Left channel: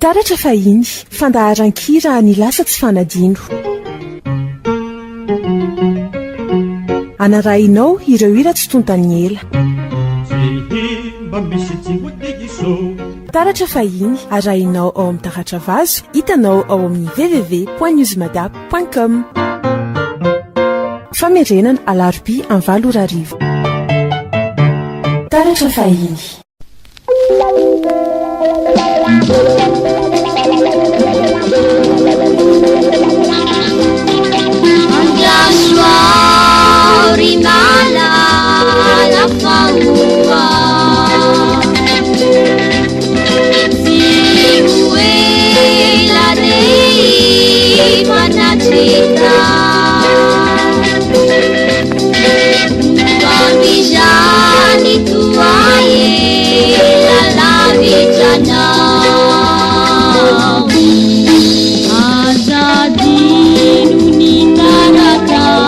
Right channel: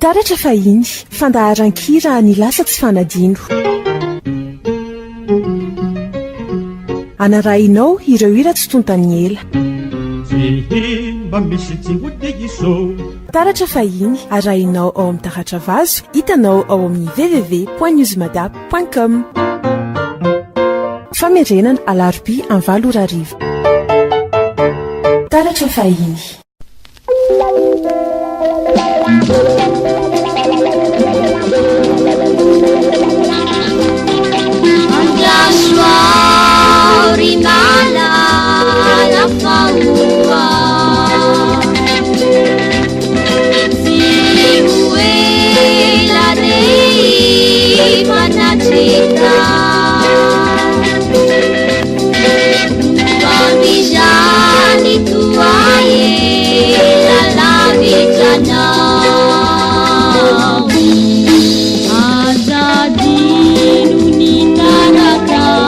taratra fahiny fandaharan-kira ny lasa tsy fanadino anarahinao ireo hira tsy tontany ela taratra fahiny arahinao ao amin'ny taratra vazo hitanao ao amin'ny www.newsmadap.com famerenana alarobia amin'ny 7 arivo taratra fahiny rinala la faua siue la dei manacita babijani tuaye la lavijana azadinu ninaratasi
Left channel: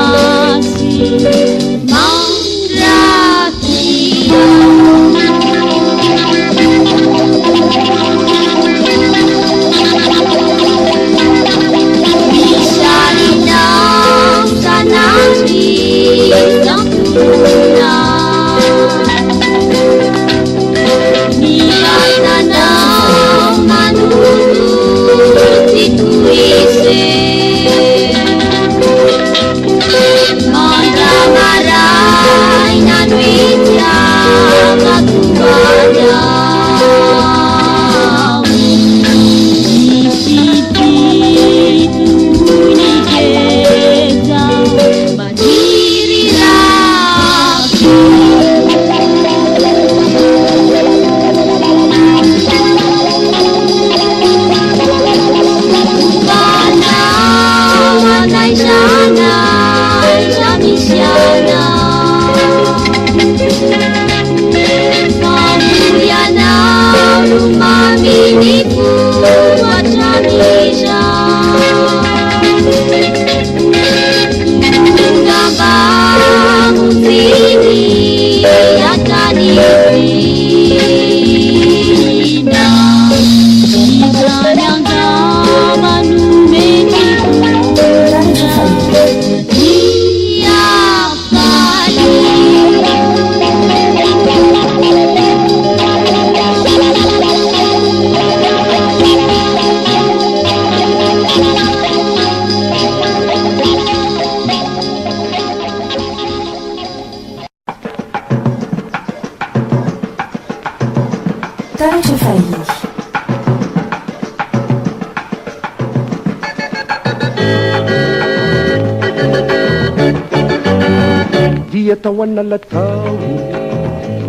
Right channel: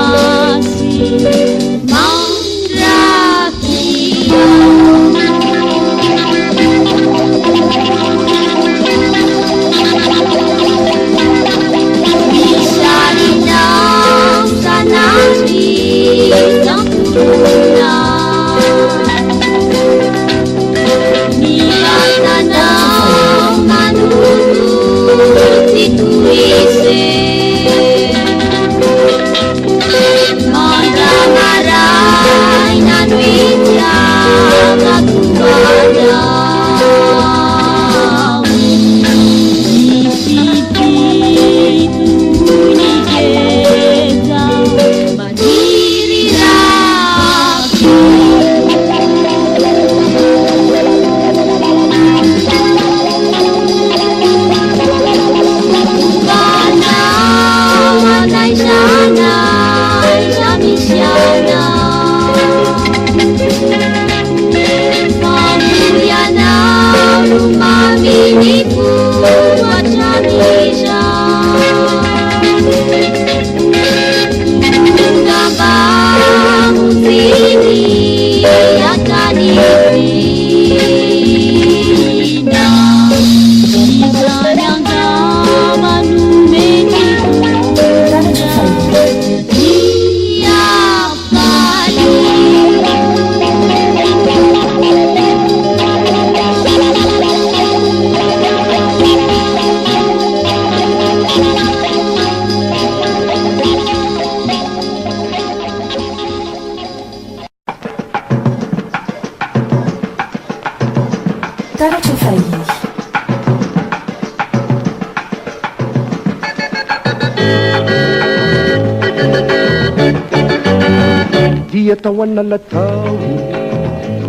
tao analatao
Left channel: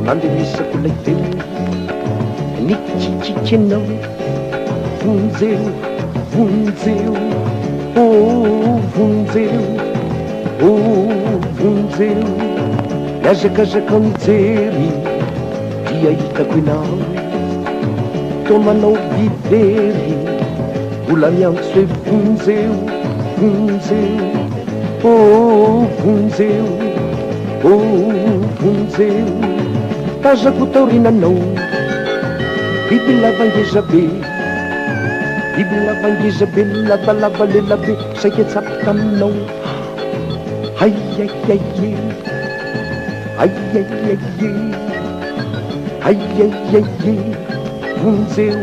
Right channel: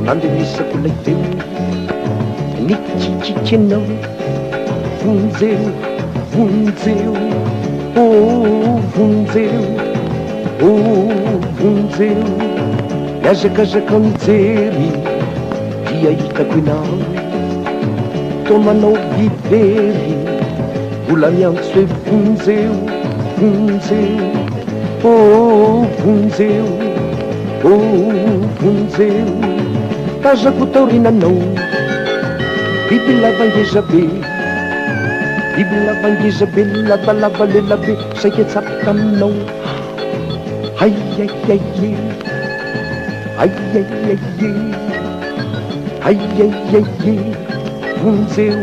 nandemisako laiteo nikikikiky anao vonjeo vonjeo vonjeo vonjeo miazakazaka mijery dia hitako inao to manao bibery mbola miantso hoe vonjeo vonjeo vonjeo vonjeo tazako taorinanao biby lavangezabe biby lavangezabe lavalava lelabe saika tsapo taminao aiaiaie aiaiaie aiaiaie vonjeo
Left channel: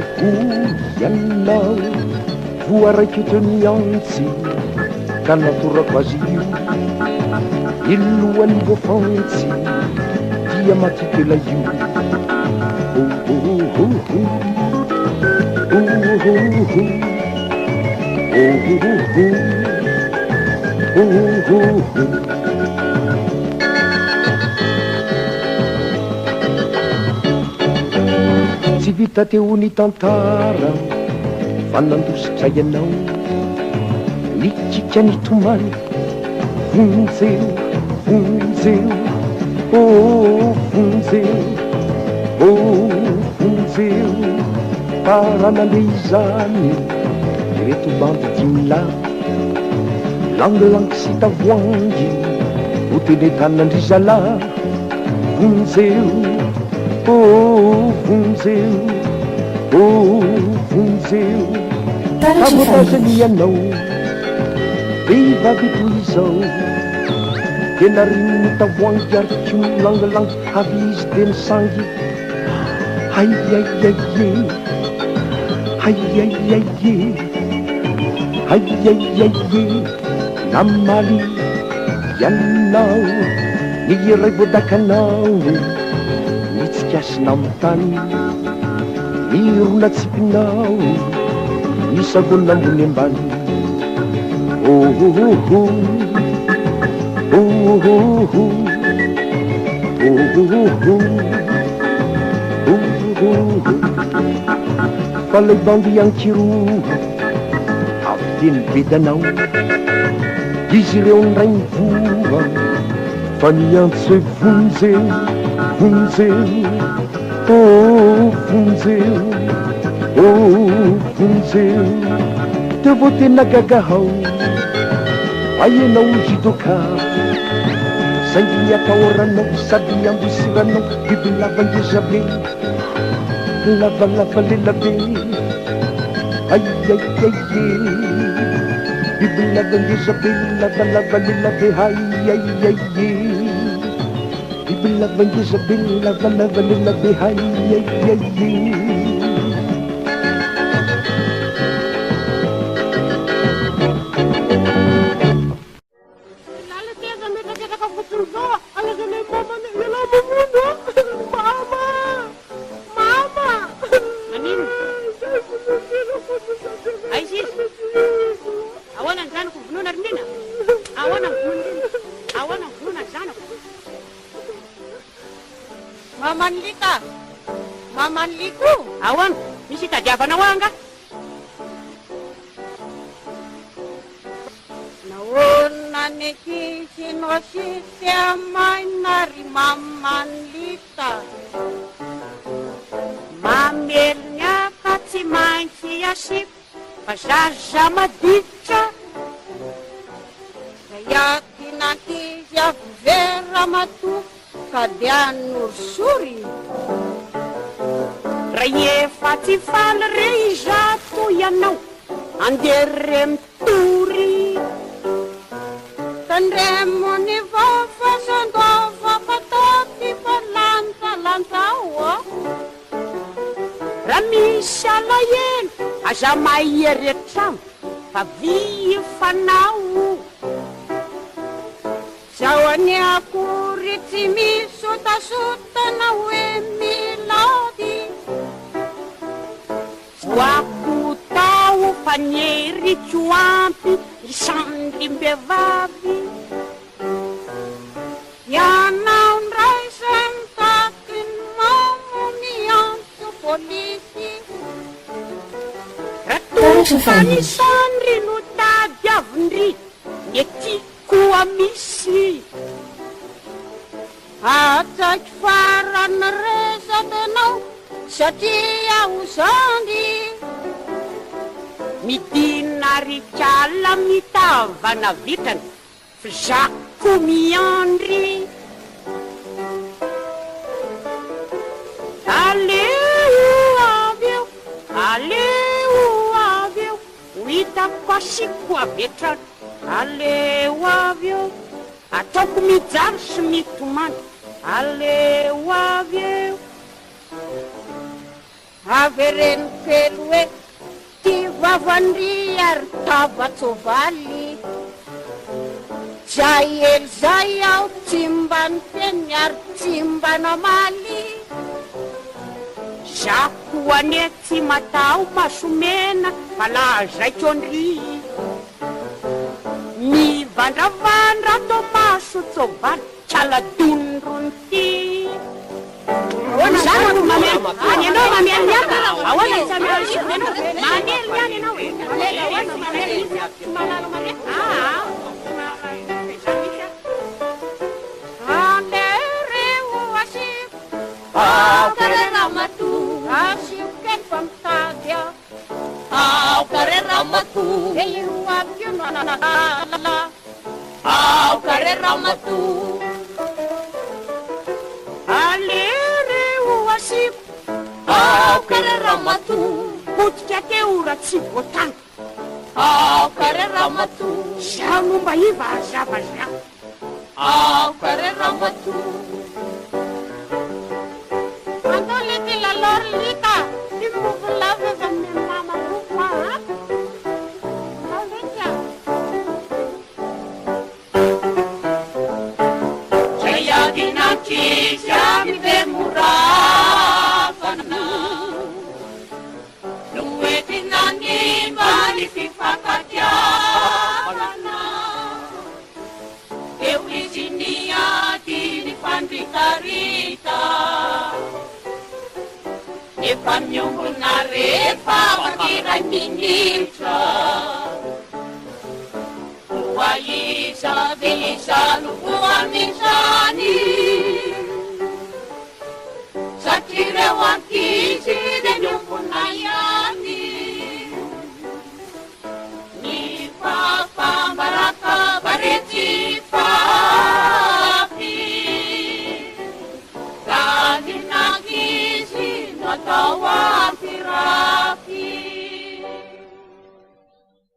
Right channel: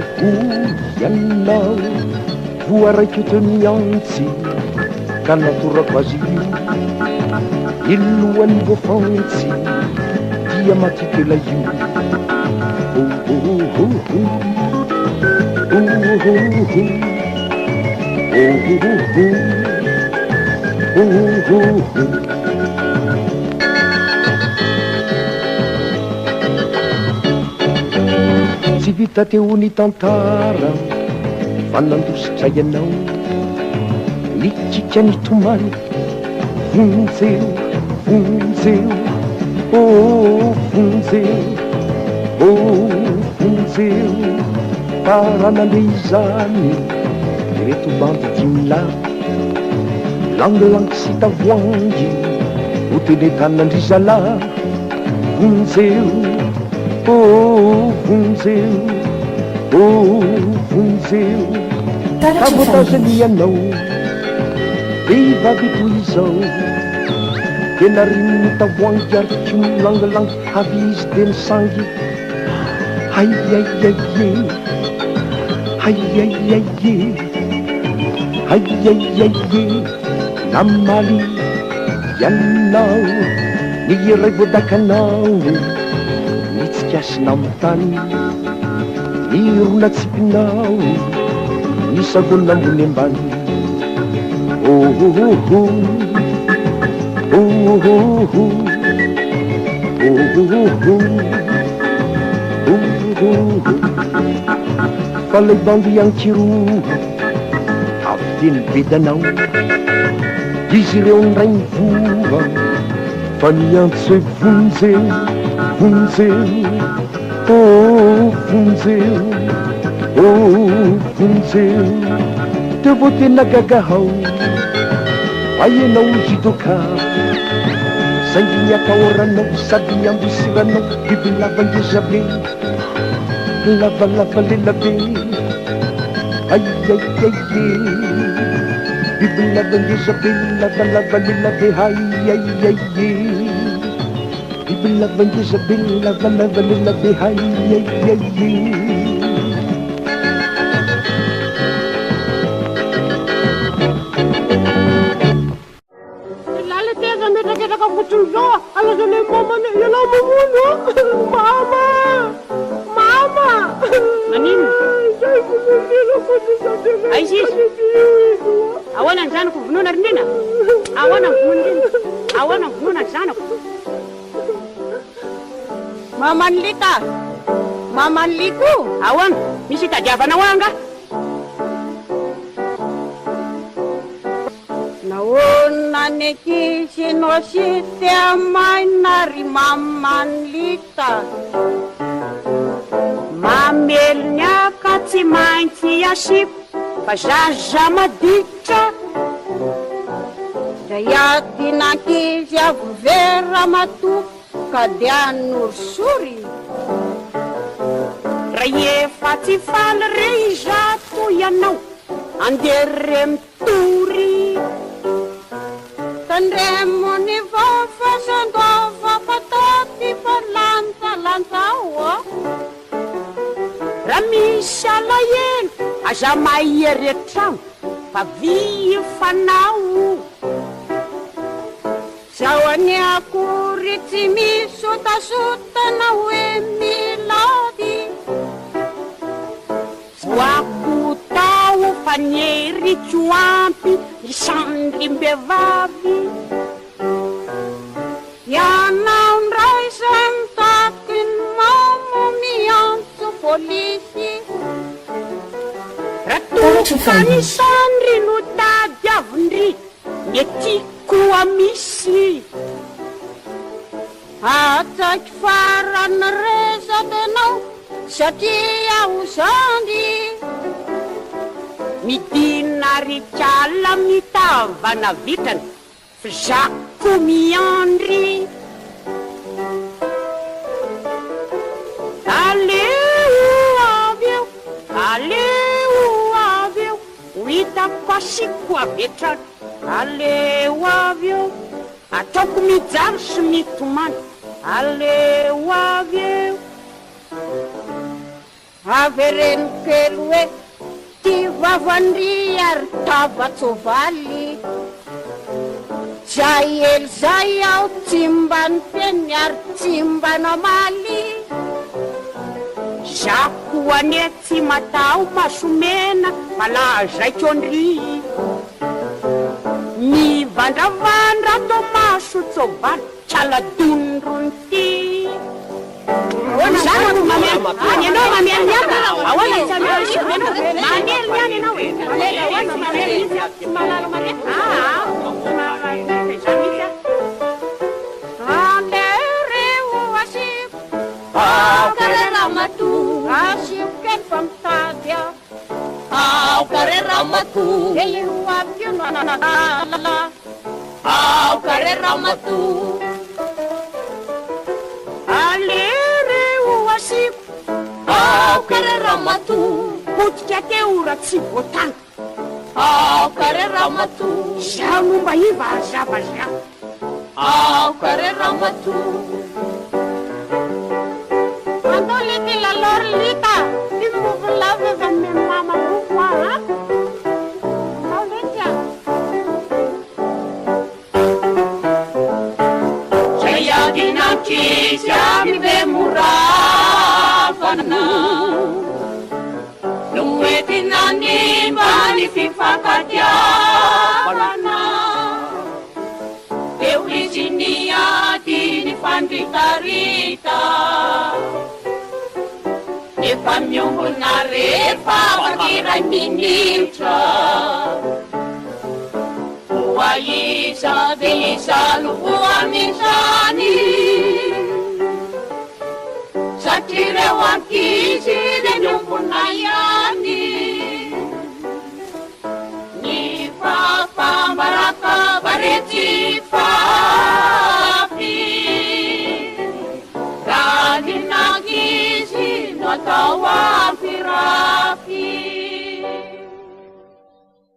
ianao voaraiky teo miantsy ka natorako azy io ilohan'ny voafantsy dia matitela io tsy vita teo ny tantara fa nandositray ianao nikika nitomany vonjeo vonjeo vonjeo vonjeo taranande izany ireto bandy dimila langilangy sy tavoangy hotele tanandrizala vonjeo vonjeo vonjeo avotasany ianao vehivavy toy izao tena rinony tavoangy arotry milangilangy avy izy de misangy aiaiaie aiaiaie aiaiaie namaly ianao ny iray voadakanao mitsikasina am'tany ny ronatsipinao ny sagolona ambony ambany ohohoho ohohoho ohohoho ohohoho fa lay bandy ankiro avy teny bedanao izy ireo ndray mivoa fa niantso hoe vonjeo vonjeo vonjeo vonjeo teo vo tena gagahao aenao jidoka saingy miataoranao sady ambosiranao biby lavangeza-be lavalava lelabe aiaiaie biby lavangeza-be lavalava lelabe aiaiaie biby lavangeza-be lavalava lelabe aiaiaie Alazane mamane yala mamuno mama mama manino sai kumundilo kutuzatela Aisis awana nzana kuvununa rindina awana kuvununa awana kuvununa nzana mama nliku awana misy tadiavana wanga naona nekisinoshite mainari mamanlita mamelnyaka tsy maintsy asip fa zaza maditra da yatinakizy avovera matu ka de anosory ray efa tsy faly re izato ianao andere mitory tandremony vafa sandova patati fa lantalantao raha misy alahelo aza maieretramo fa vy fanao zao any akory tsy misotasotana hoe milady voako tao fa nieritso ampy isandrim-behivavy ianao ndray sa mitakiny mamo miantso polisy ratofanyisandry no tady avindry netikoa misy atsaky farany resatanao satria ozandy midina ritrala mitavana vitrany fizako miandry aleo avy eo hitako asiko avetrany aleo avy eo ataoko mijaro sy mitomany aleo avy eo avereno kely hoe ty vavandry ary tavatsovaly zay ely zay aho tsy mba ny teny ary tsy mba namaly zako ane tsy matao masomena malazaikondry mivandravandra to maso tsovaly tsaladondrony ty zanako mamely any anao mamely niany ahoana tsy amely mamely niany anao tsy malala mamely alereo asiko Aokareramatu, asiko kely fa mitady a aokareramatu, de io aby io no ananala aokareramatu, alereo masiko Ramatu potika te ora tsy voatany kare Ramatu zaho momba iva azava zaho kare Ramatu andao lety lalor lita ty vovolave va me mama kokoa ha andao lety a zay adinakisy amibe moravana Noetinani bani fifakatiavana Deu izinia dini fanritarita Efa miongona refa makiray minitra Oa isa de isa lukua misani Satire wankisi de nyumbuna yani Ni papa maraka bareti fafi Radi nagisi natawa pirafi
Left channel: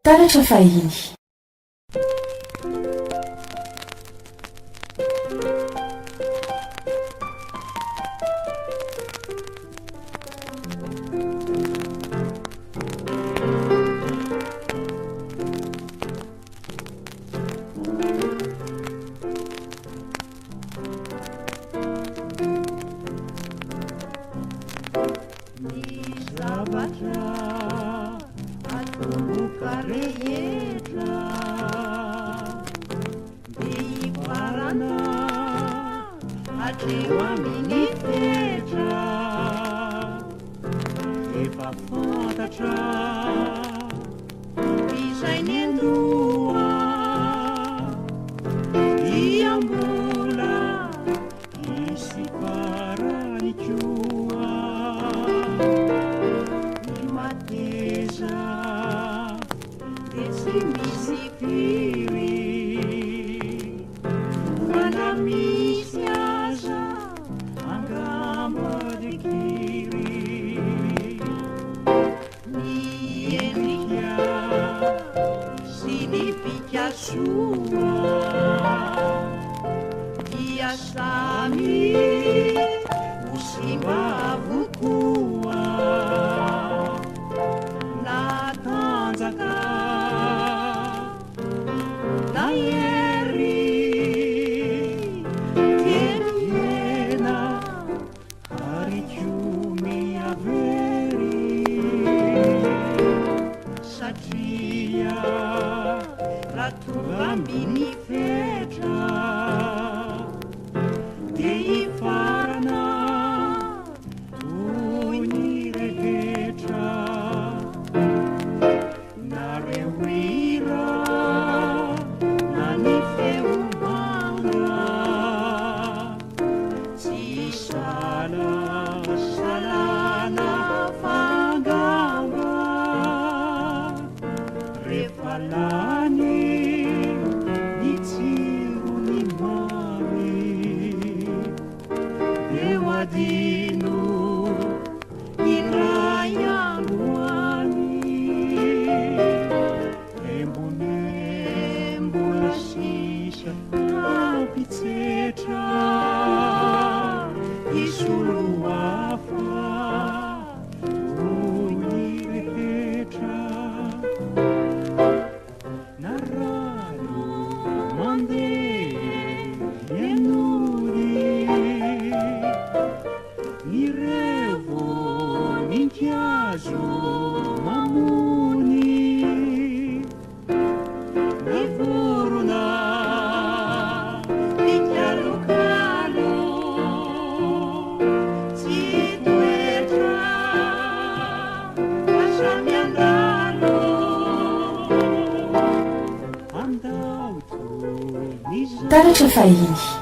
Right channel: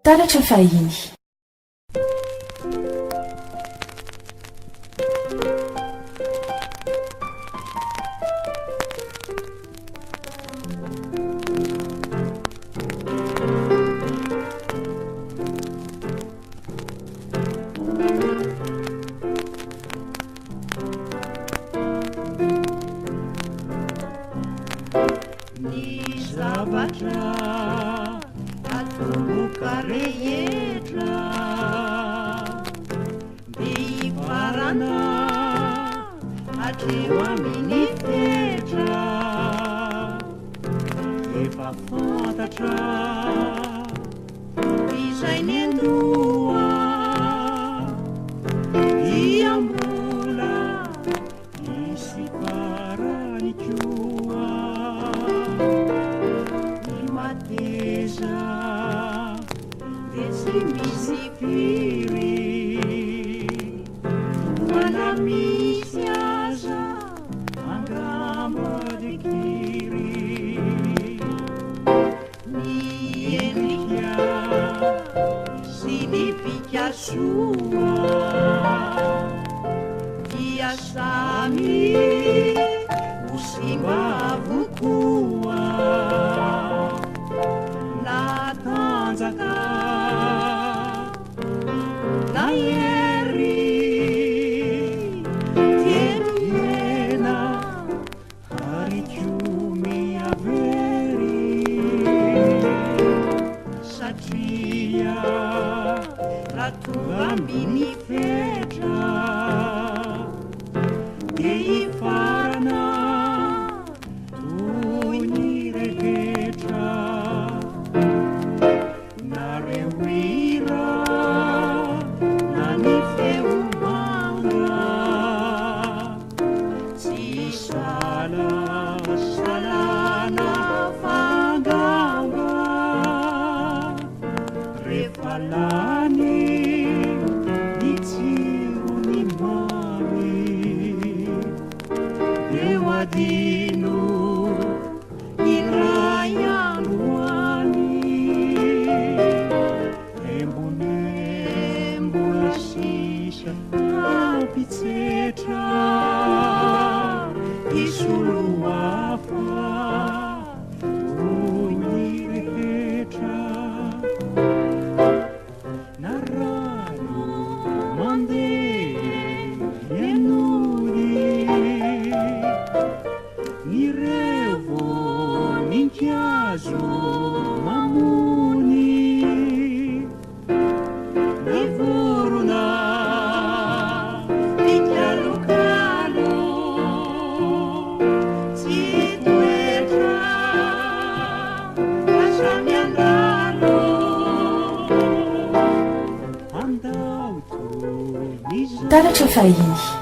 Taratra fahiny Taratra fahiny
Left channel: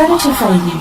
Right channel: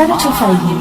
Taratra fahiny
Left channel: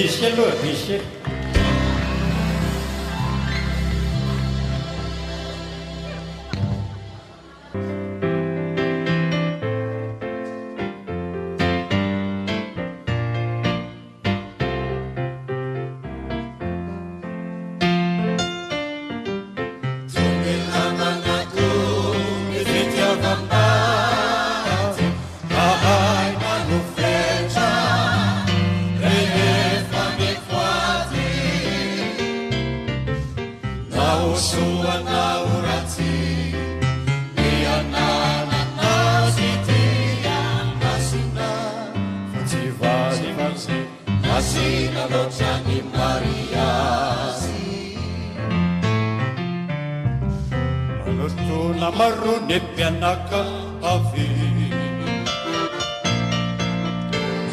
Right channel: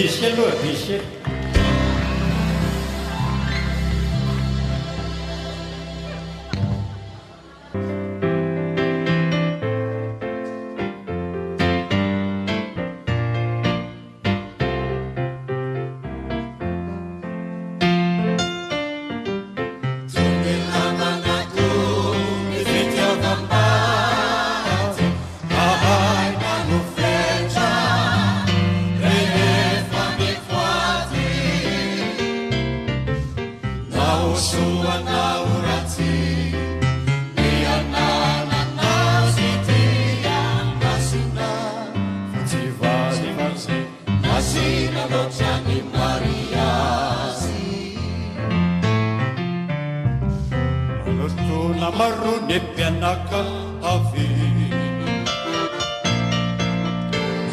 Misy aloha misy Pianaka avy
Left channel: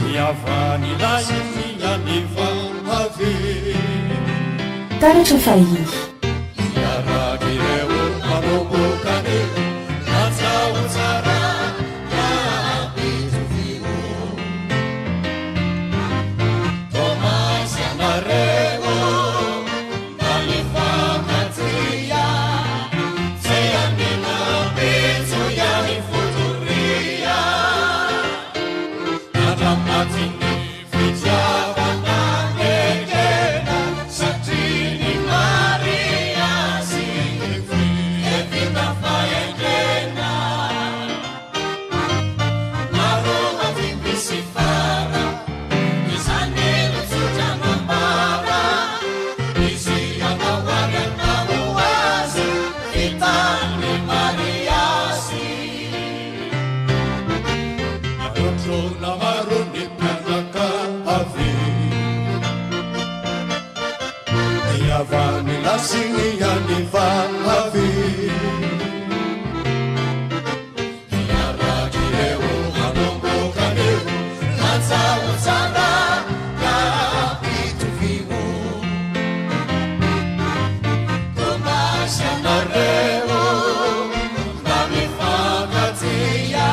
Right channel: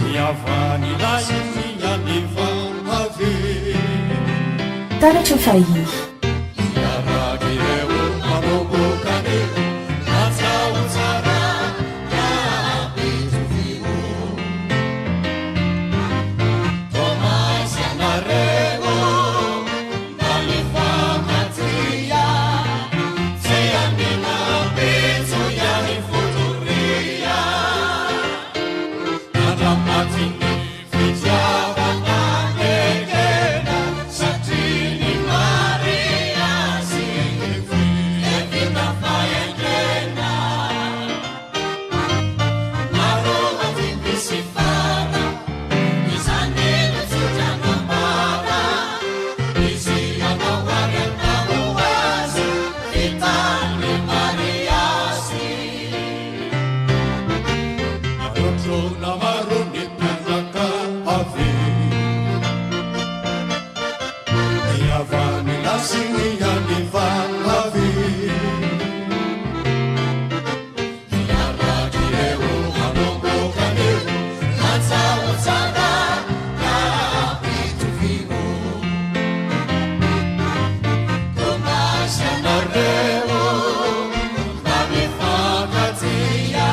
miavany lay mianiva avy Taratra fahiny iaragireo manobokany atsao tsara napitovio Tomasy anareo malifankatia tseanina Futuria, Nadamatini, asiniani vahavi iaradireo hanombokaneo hatsaotsara na itovimo tomasianareo mamifakatia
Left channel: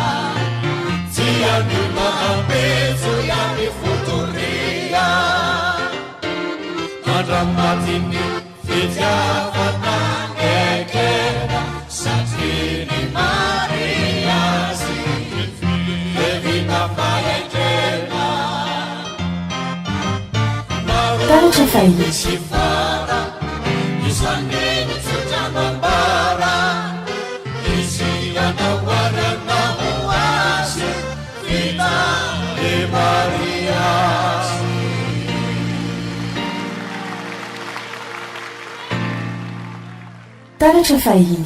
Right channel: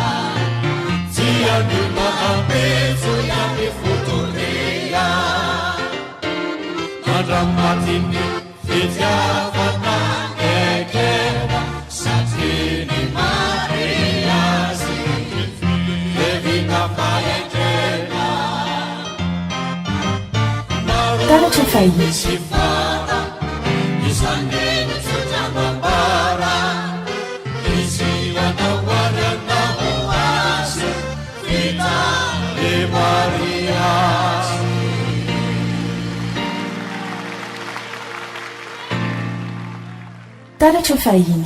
tiani mahabezo yani fotorea Ramatini fitiavana ekera satini mariasi levina faekera Taratra fahiny sifara isaneni tutamambara isianawarana hoasi vita e mariasi Taratra fahiny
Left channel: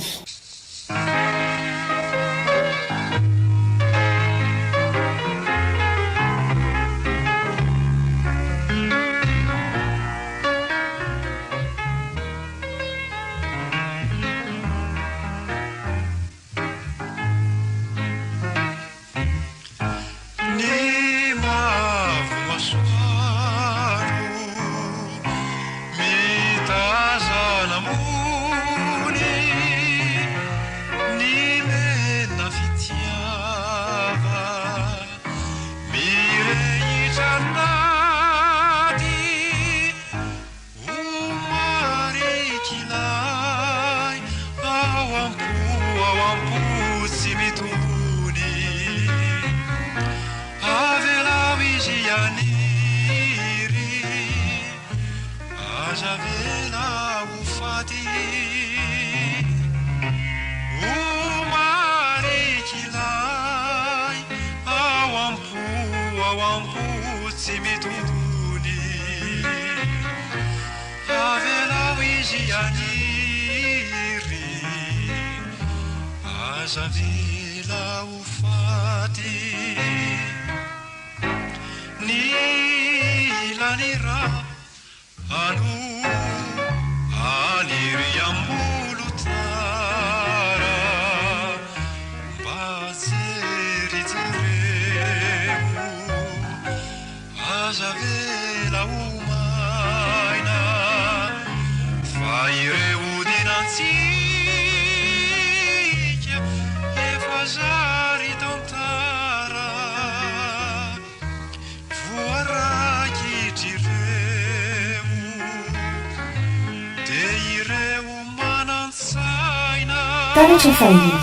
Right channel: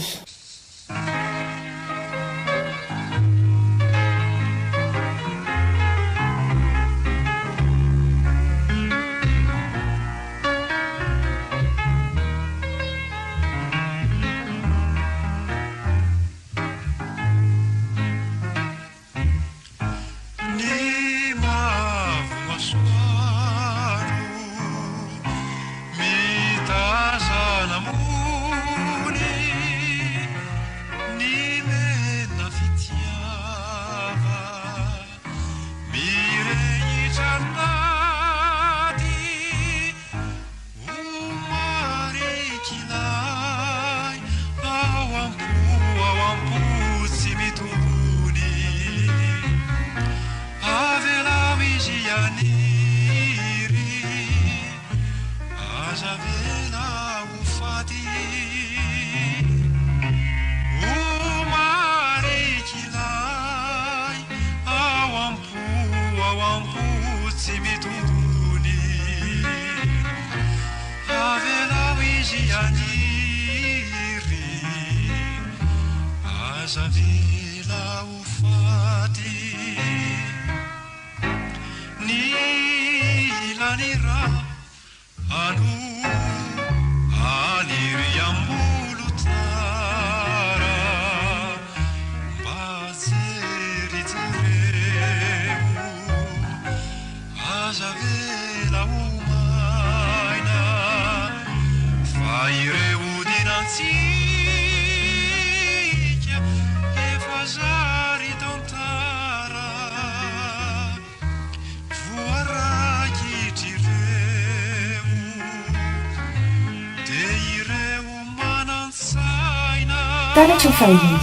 Taratra fahiny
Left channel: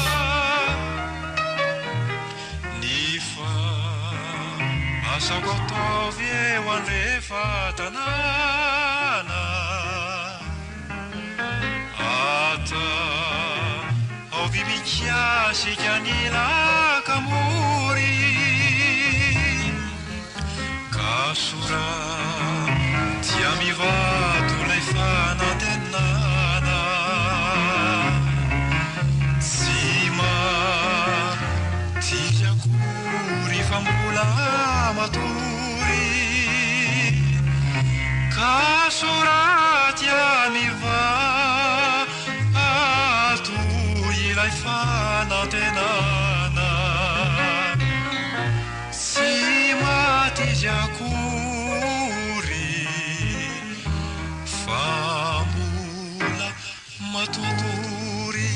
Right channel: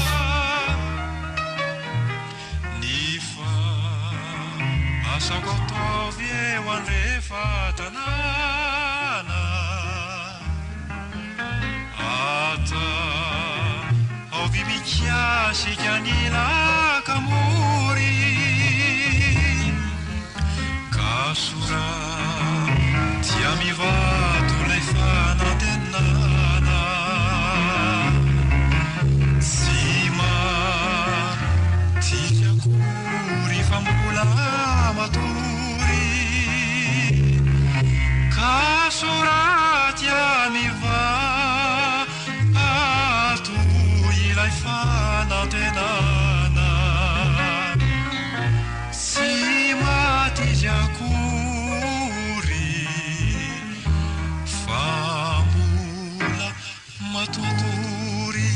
Nifa asako ataovy eo anrehefa tanàna ata avy mikasika ny lakamory kasora tia mivato lay fanantenana Fambola maturi kasoratya miva atu ilay fanantenana si matijakury fambola maturi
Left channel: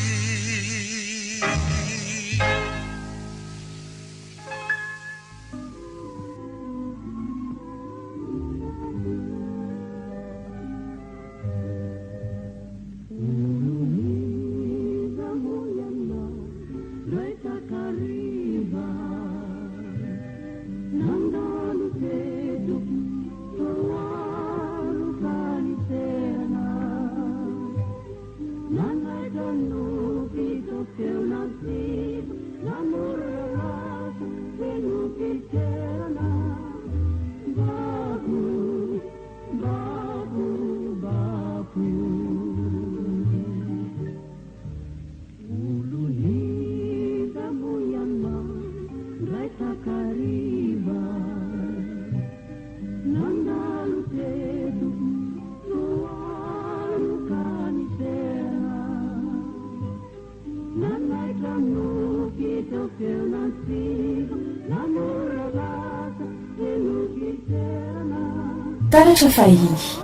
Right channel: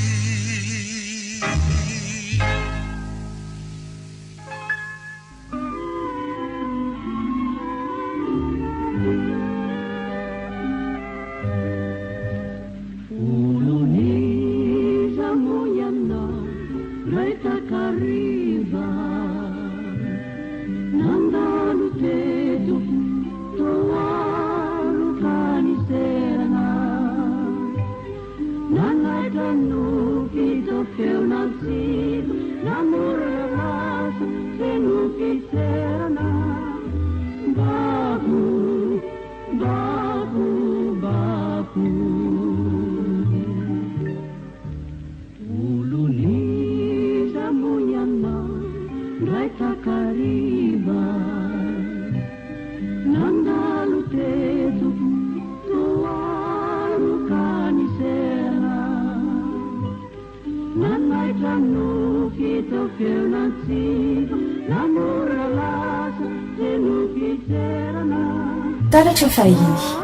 taratra fahiny.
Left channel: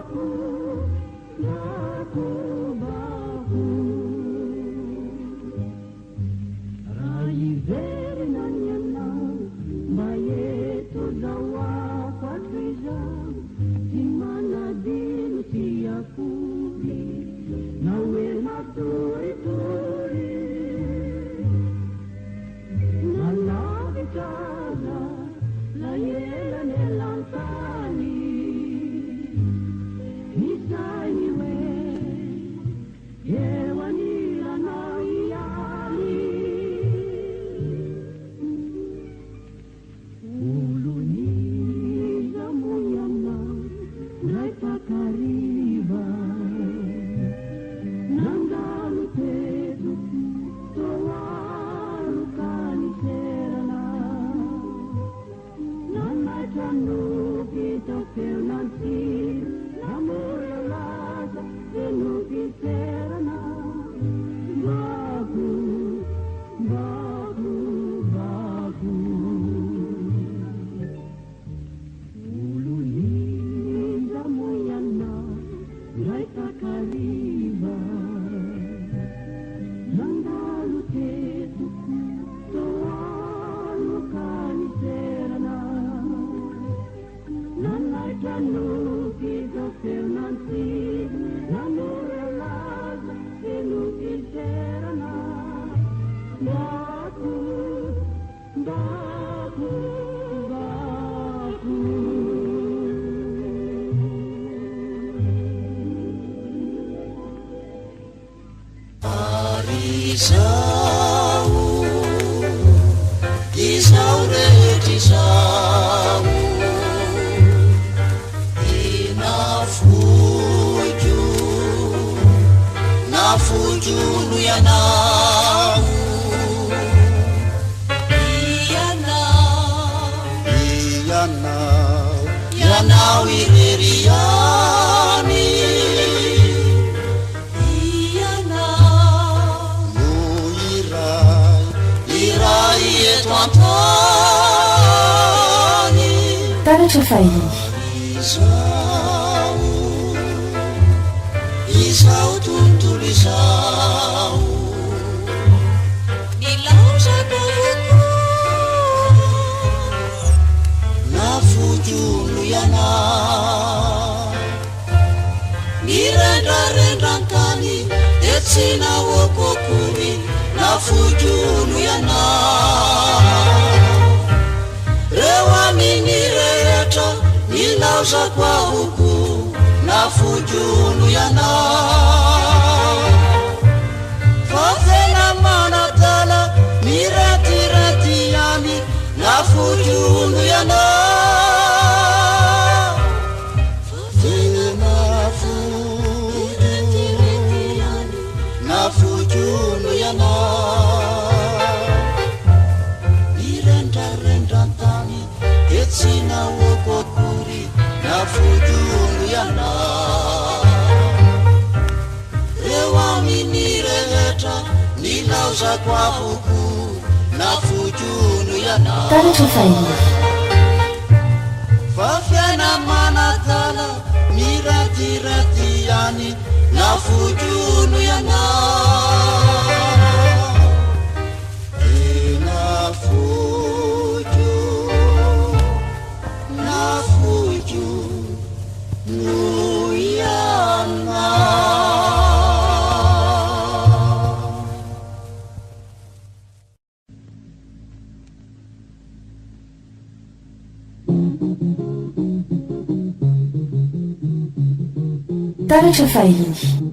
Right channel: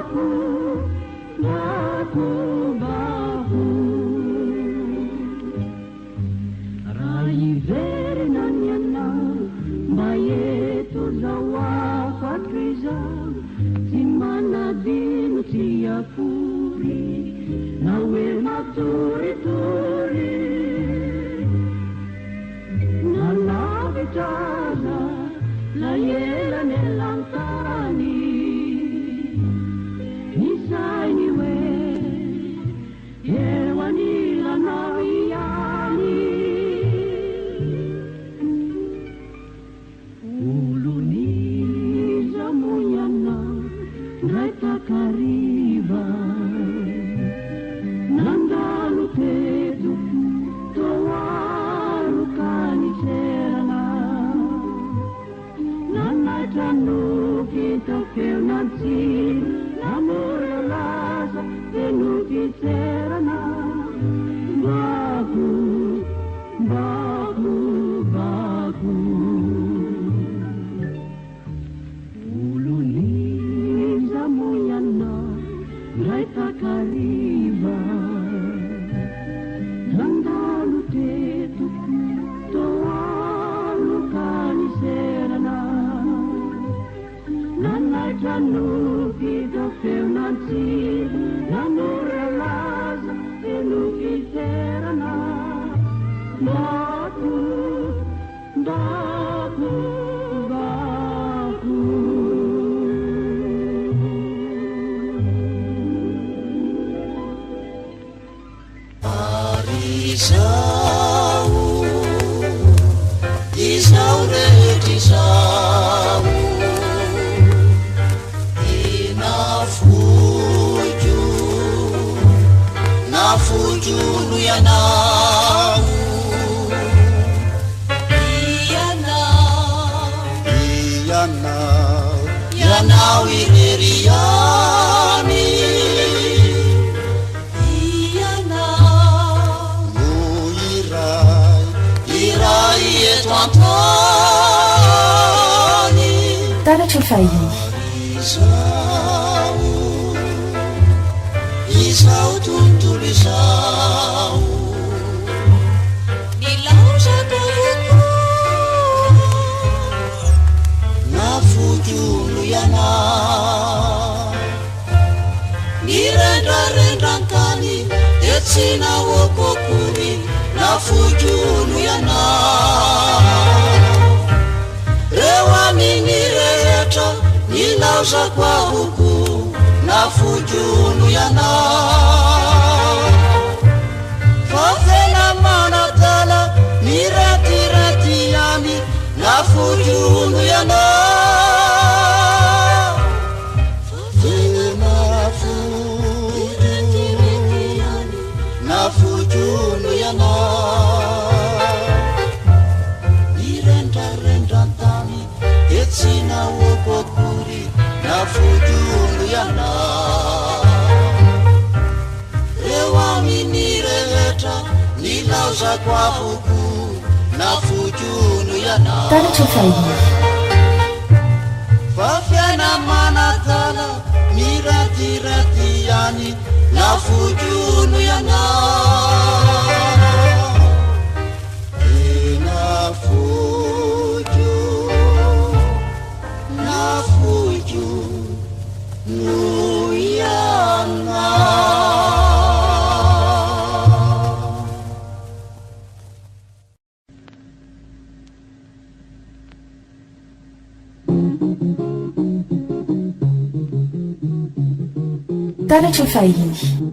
Taratra fahiny. Izao tontolo izao nilaozako na fojolo iana nirendrarendrantany de tsy nahoakoakory na fojolo iana reo aminy rehetra nilaozako ahoko na fojolo iana fa tena manatala miratirati any na fojolo iana fa tena fojolo na fojolo iana nirendrarendrantany etsy nahoakoakory na fojolo iana reo aminy rehetra nilaozako ahoko na fojolo iana taratra fahiny. fa fiaina manatala miratirati any na fojolo iana ena fojo na fojo no iana taratra fahiny.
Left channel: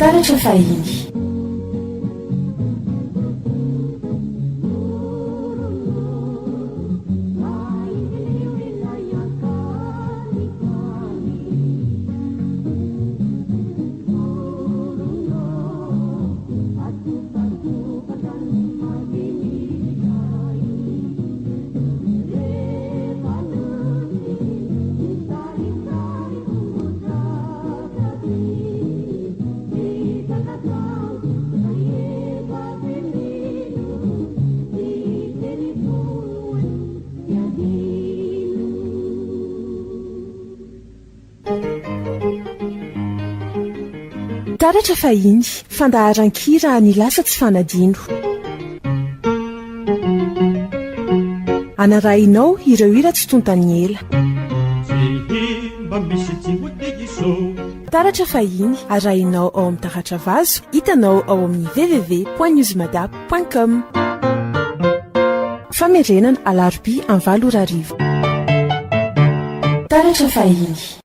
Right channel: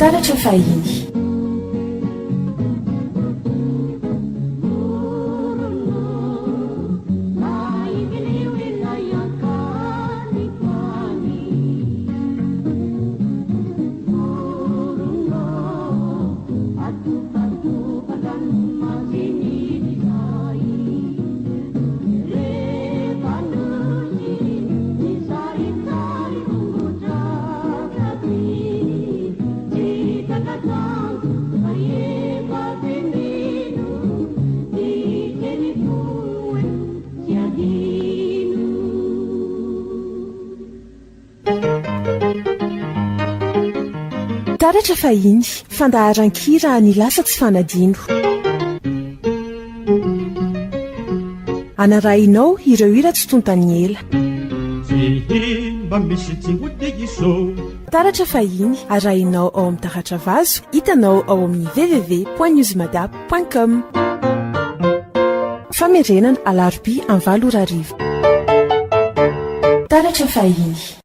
taratra fahiny. Taratra fahiny, fandaharan-kira ny lasa tsy fanadino. Anarahinao ireo hira tsy tontany ela. Taratra fahiny, arahinao ao amin'ny taratra vazo, hitanao ao amin'ny www.newsmadap.com. Famerenana alarobia 9 taratra fahiny.